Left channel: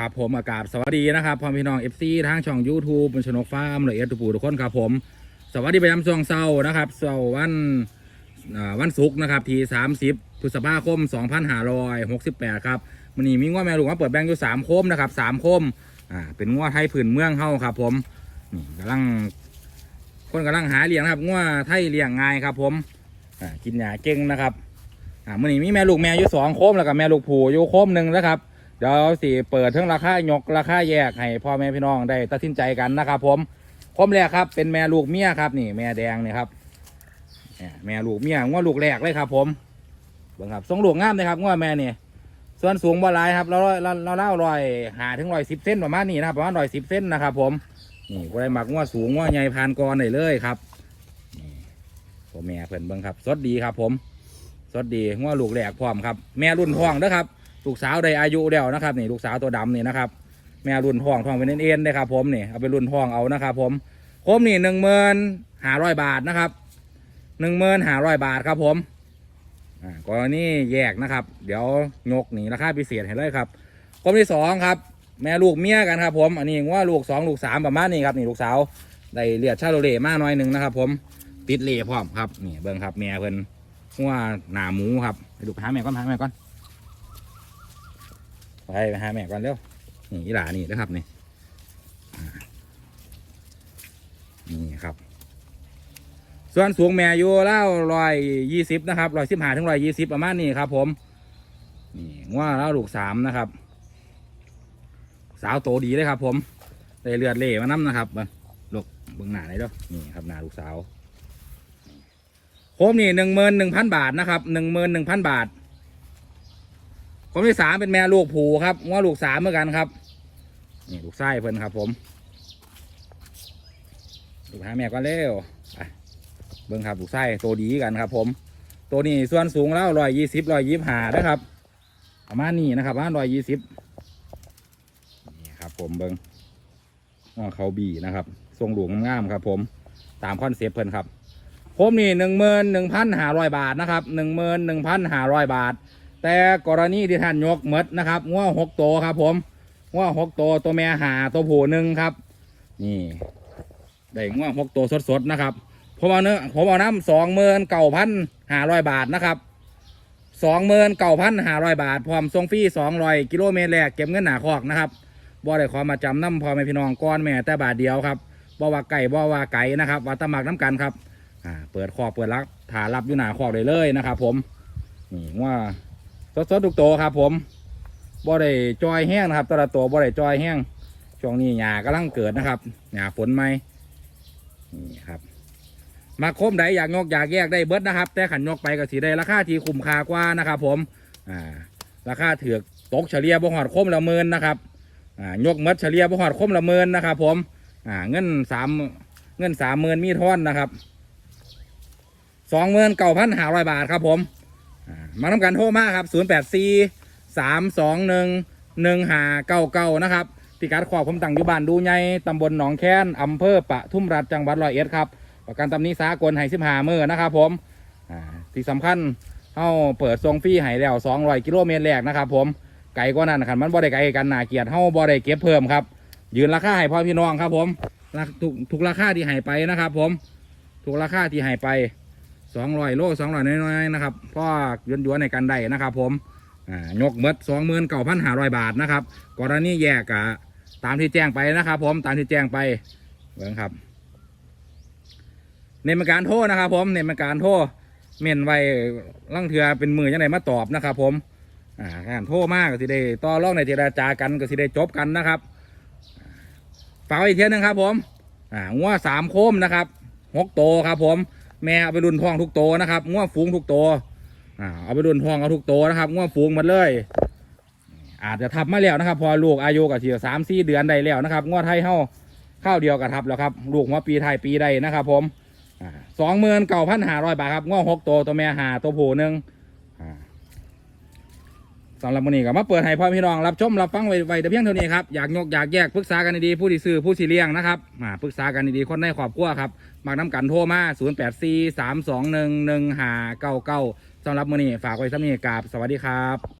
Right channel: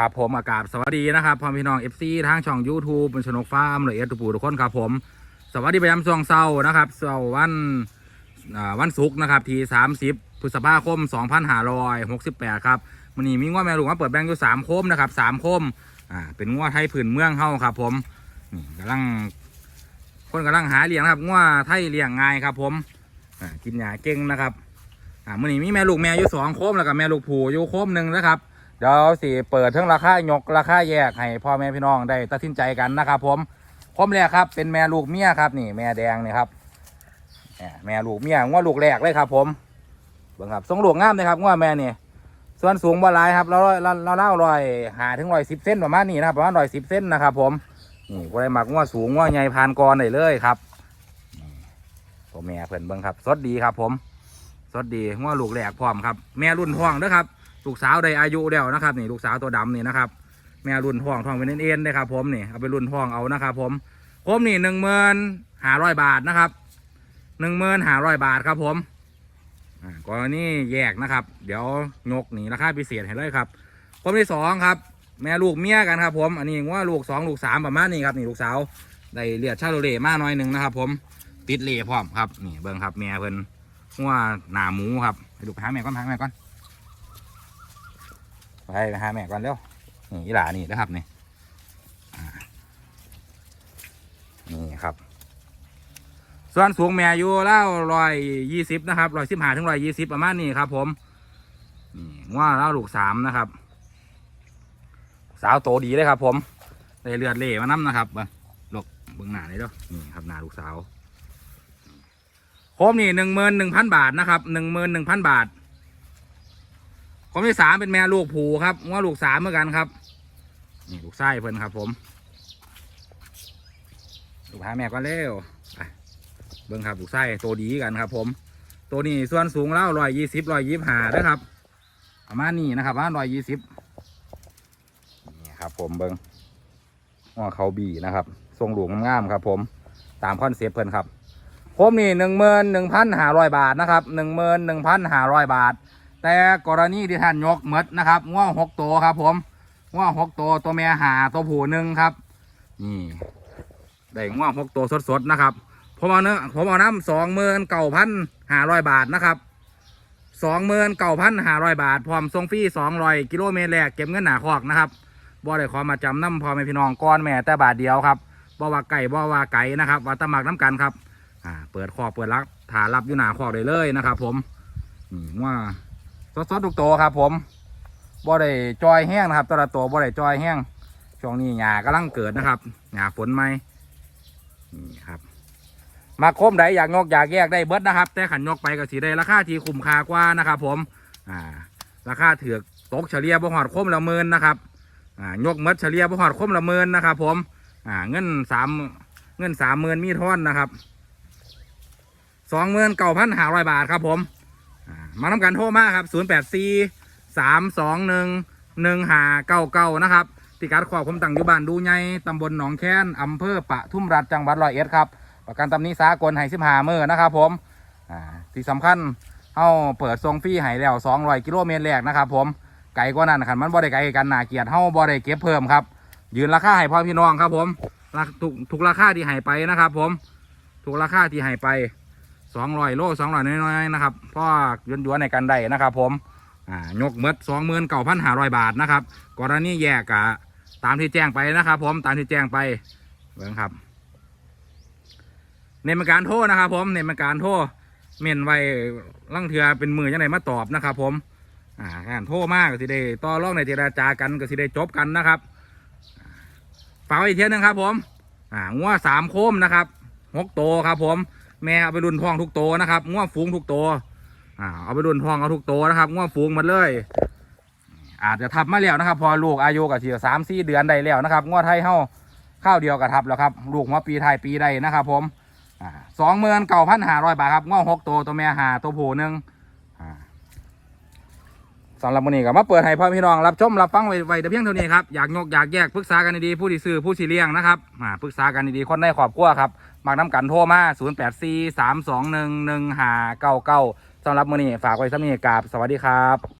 ครับผมอากาศสวัสดีนะครับพ่อพี่น้องเอฟซีทางช่อง YouTube บนชนกฟาร์มละเอียดทุกผู้ทุกคนครับผม สวัสดีไปยามช่วงเศร้านะครับเสาร์วันวันศุกร์นะครับที่ 30พฤษภาคม 2568 ครับมันนี้มีง้วแม่ลูกมาเปิดแบงค์อยู่3โคมนะครับ3โคมอ่าเป็นง้วไทยผืนเมืองเฮาครับผมนี่กำลังคนกำลังหาเลี้ยงนะครับง้วไทยเลี้ยงง่ายครับผมอ่ากินหญ้าเก่งนะครับอ่ามันนี้มีแม่ลูกแม่อยู่สองโคมแล้วก็แม่ลูกผูอยู่โคมหนึ่งนะครับ เดี๋ยวสิเปิดทั้งราคายกราคาแยกให้พ่อแม่พี่น้องได้ตัดสินใจกันนะครับผมผมแรกครับ เป็นแม่ลูกเมียครับนี่แม่แดงนี่ครับแม่ลูกเมียง้อลูกแรกเลยครับ ผมเบิ่งครับทรงลูกงามเลยครับง้อแม่นี่ส่วนสูงบ่ลายครับเราเราเราเล่ารอยหาถึงรอยสิบเส้นประมาณนี้นะครับประมาณรอยสิบเส้นนะครับ ผมนี่ก็ได้หมักง้อสูงง้อใหญ่พานกรได้เลยครับนี่แม่เพิ่นเบิ่งครับสดดีครับ ผมสดดีง้อลูกแรกพร้อมครับ แม่รุ่นท้องนะครับ ลูกสาวได้อายุแล้วนะครับนี่ลูกสาวตัวดำนี่นะครับแม่รุ่นทองทองเป็นเอ็นๆเลยครับผมนี่เอาไปรุ่นทองเอานะครับผมผมนี่หนึ่งหมื่นห้าร้อยบาทนะครับหนึ่งหมื่นห้าร้อยบาทครับผมอ่ากรณีแยกนะครับ เดี๋ยวยกนี่ราคาพิเศษให้เลยครับผมที่สองครับ แม่ลูกเมียกันครับ ผมอันนี้ว่าลูกสองลูกสามประมาณนี้ครับนี่ลูกสาวได้เลียดชาโลเล่มาหน่อยหนึ่งนะครับ ผมติดเล่พร้อมครับนี่เบิ้งครับแม่เพิ่นว่าหนาหมูครับไปดูไปหาแม่ก่อนหาแม่ก่อน ไปไปหาแม่ก่อนเร็วนี่หลานี่นะครับนี่นี่ครับ ส่วนสูงแม่อยู่แล้วร้อยยี่สิบนะครับร้อยสิบห้าถึงร้อยยี่สิบประมาณนี้ครับ ผมนี่ว่าแล้วลูกสามนะครับ สาวโตดีเลยครับ ผมได้เลือดเล่มาน้ำนะครับลูกเบิ้องหน้าเลยเด้อนี่ครับหน้าลูกสาวผมนี่หนึ่งหมื่นหนึ่งพันบาทนะครับหนึ่งหมื่นหนึ่งพันบาท คนที่สามเป็นแม่ลูกผูครับว่าลูกสามเหมือนกันครับนี่ลูกไส้เพิ่นครับ ผมลูกหาแม่ก็เร็วเบิ่งครับลูกไส้ตัวดีกันครับ ผม ตัวนี้ส่วนสูงแล้วร้อยยี่สิบร้อยยี่ห้านะครับประมาณนี้นะครับประมาณร้อยยี่สิบนี่ครับ ผมเบิ่งว่าเขาบีนะครับ ทรงหลวงงามครับ ผมตามคอนเซปต์เพิ่นครับผมนี่หนึ่งหมื่นหนึ่งพันห้าร้อยบาทนะครับหนึ่งหมื่นหนึ่งพันห้าร้อยบาท แต่กรณีที่ท่านยกเมดนะครับง่วหกตัวครับ ผมง่วหกตัวตัวแม่หาตัวผู้หนึ่งครับ นี่ได้ง่วหกตัวสดๆนะครับผมเอาเนื้อผมเอาน้ำสองหมื่นเก้าพันห้าร้อยบาทนะครับสองหมื่นเก้าพันห้าร้อยบาทพร้อมส่งฟรีสองร้อยกิโลเมตรแรกเก็บเงินหนาคอกนะครับบ่ได้ขอมาจำน้ำพอแม่พี่น้องก้อนแม่แต่บาทเดียวครับบ่ว่าไก่บ่ว่าไก่นะครับว่าตะหมักน้ำกันครับ อ่า เปิดคอกเปิดรับถารับอยู่หนาคอกได้เลยนะครับ ผมนี่ว่า สดสดทุกตัวครับ ผมบ่ได้จอยแห้งนะครับตัวละตัวบ่ได้จอยแห้งช่วงนี้หญ้ากำลังเกิดนะครับหญ้าฝนไหมนี่ครับ มาคมใดอยากยกอยากแยกได้เบิดนะครับ แต่ขันยกไปก็สีได้ราคาที่คุ้มค่ากว่านะครับ ผมอ่าราคาเถือกตกเฉลี่ยบ่หอดคมละหมื่นนะครับอ่ายกเมดเฉลี่ยบ่หอดคมละหมื่นนะครับ ผมอ่าเงินสามเงินสามหมื่นมีท่อนนะครับสองหมื่นเก้าพันห้าร้อยบาทครับผม มาทำการโทรมาครับ 0 8 4 3 2 1 1 5 9 9 นะครับพิกัดขอบผมตั้งอยู่บ้านดูใหญ่ตำบลหนองแค้นอำเภอปะทุ่มรัฐจังหวัดร้อยเอ็ดครับ ประกันตำนี้สากลให้สิบหามือนะครับผมอ่าที่สำคัญเอาเปิดทรงฟรีให้แล้ว200กิโลเมตรแรกนะครับผมไกลกว่านั้นขันมันบ่ได้ไกลกันหนาเกียรติเฮาบ่ได้เก็บเพิ่มครับ ยืนราคาให้พ่อพี่น้องครับผมราทุกทุกราคาที่ให้ไปนะครับ ผมทุกราคาที่ให้ไป สองร้อยโลสองร้อยน้อยๆนะครับพ่อยวนๆในกันได้นะครับ ผมอ่ายกเมดสองหมื่นเก้าพันห้าร้อยบาทนะครับกรณีแยกกะตามที่แจ้งไปนะครับ ผมตามที่แจ้งไปเบิ่งครับเน้นเป็นการโทษนะครับ ผมเน้นเป็นการโทษเม่นไว้ลังเถือเป็นมือยังไงมาตอบนะครับ ผมอ่าการโทษมากก็สิได้ต่อรองในเจรจากันก็สิได้จบกันนะครับฝากอีกเทียหนึงครับ ผมอ่างัวสามโคมนะครับหกโตครับ ผม แม่เอาไปรุ่นท้องทุกโตวนะครับง่วงฟูงทุกโตวอ่าเอาไปรุ่นท้องเอาทุกโตวนะครับง่วงฟูงหมดเลย อาจจะทับมาแล้วนะครับ พอลูกอายุกับเสียสามสี่เดือนได้แล้วนะครับง่วงไทยเฮ้าข้าวเดียวกับทับแล้วครับลูกหัวปีไทยปีใดนะครับ ผมสองหมื่นเก้าพันหาร้อยบาทครับง่วงหกโตวตัวแม่หาตัวผู้หนึ่งสำหรับวันนี้ก็มาเปิดให้พ่อพี่น้องรับชมรับฟังไว้ไว้แต่เพียงเท่านี้ครับอยากยกอยากแยกปรึกษากันดีๆผู้ที่ซื้อผู้ที่เลี้ยงนะครับอ่าปรึกษากันดีๆคนในครอบครัวครับ มากน้ำกันโทรมา0 8 4 3 2 1 1 5 9 9สำหรับมื้อนี้ฝากไว้สำนีกราบสวัสดีครับ